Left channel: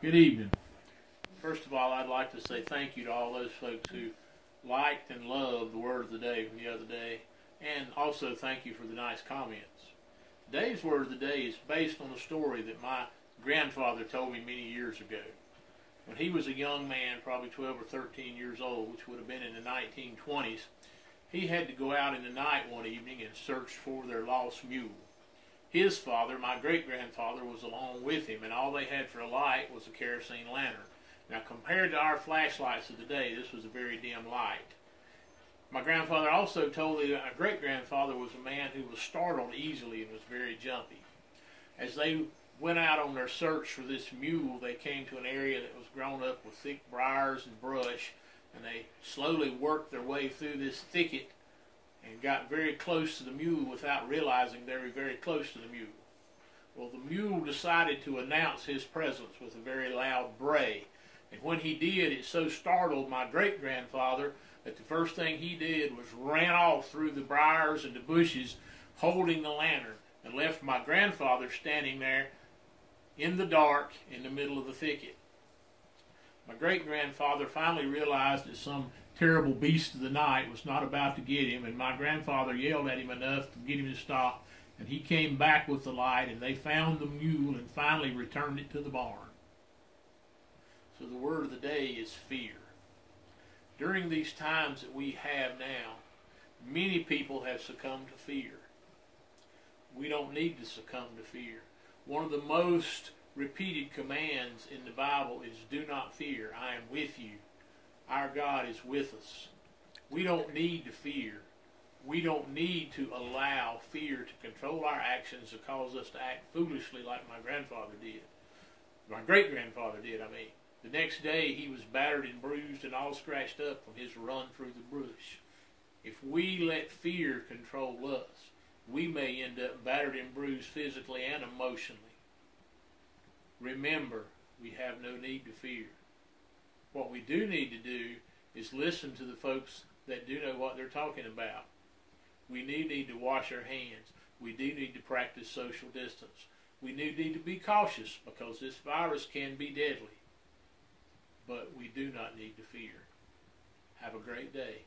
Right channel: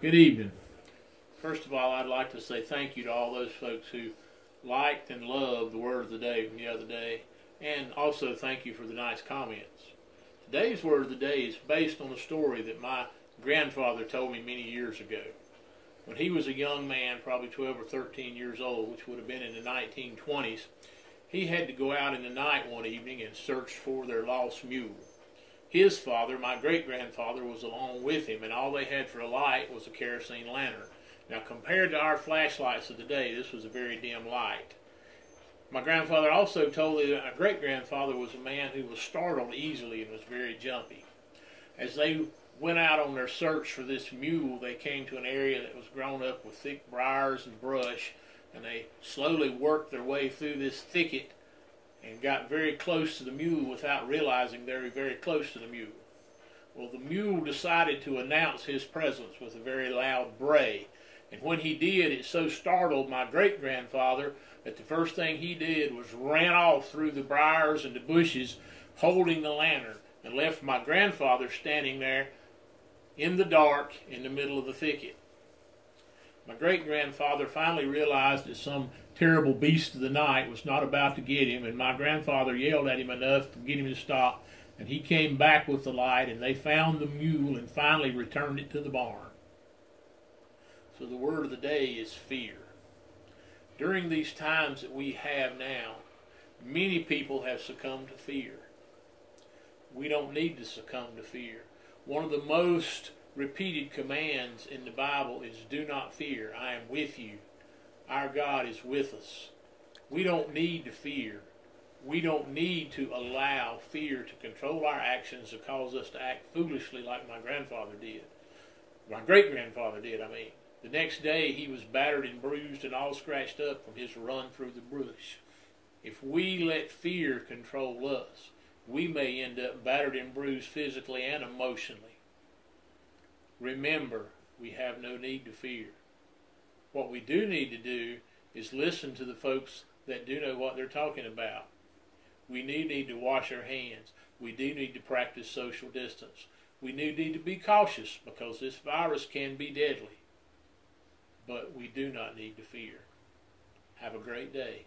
Good evening. First of all, I'd like to say thank you to all those folks who liked and loved the Word of the Day from the other day, and also thank you for the nice comments. Today's Word of the Day is based on a story that my grandfather told me many years ago. When he was a young man, probably 12 or 13 years old, which would have been in the 1920s, he had to go out in the night one evening and search for their lost mule. His father, my great-grandfather, was along with him, and all they had for a light was a kerosene lantern. Now, compared to our flashlights of the day, this was a very dim light. My grandfather also told me that my great-grandfather was a man who was startled easily and was very jumpy. As they went out on their search for this mule, they came to an area that was grown up with thick briars and brush, and they slowly worked their way through this thicket and got very close to the mule without realizing they were very close to the mule. Well, the mule decided to announce his presence with a very loud bray. And when he did, it so startled my great-grandfather that the first thing he did was ran off through the briars and the bushes holding the lantern and left my grandfather standing there in the dark in the middle of the thicket. My great-grandfather finally realized that some terrible beast of the night was not about to get him, and my grandfather yelled at him enough to get him to stop, and he came back with the light, and they found the mule and finally returned it to the barn. So the word of the day is fear. During these times that we have now, many people have succumbed to fear. We don't need to succumb to fear. One of the most repeated commands in the Bible is, do not fear, I am with you. Our God is with us. We don't need to fear. We don't need to allow fear to control our actions to cause us to act foolishly like my grandfather did. My great-grandfather did, I mean. The next day he was battered and bruised and all scratched up from his run through the bush. If we let fear control us, we may end up battered and bruised physically and emotionally. Remember, we have no need to fear. What we do need to do is listen to the folks that do know what they're talking about. We need to wash our hands. We do need to practice social distance. We need to be cautious because this virus can be deadly. But we do not need to fear. Have a great day.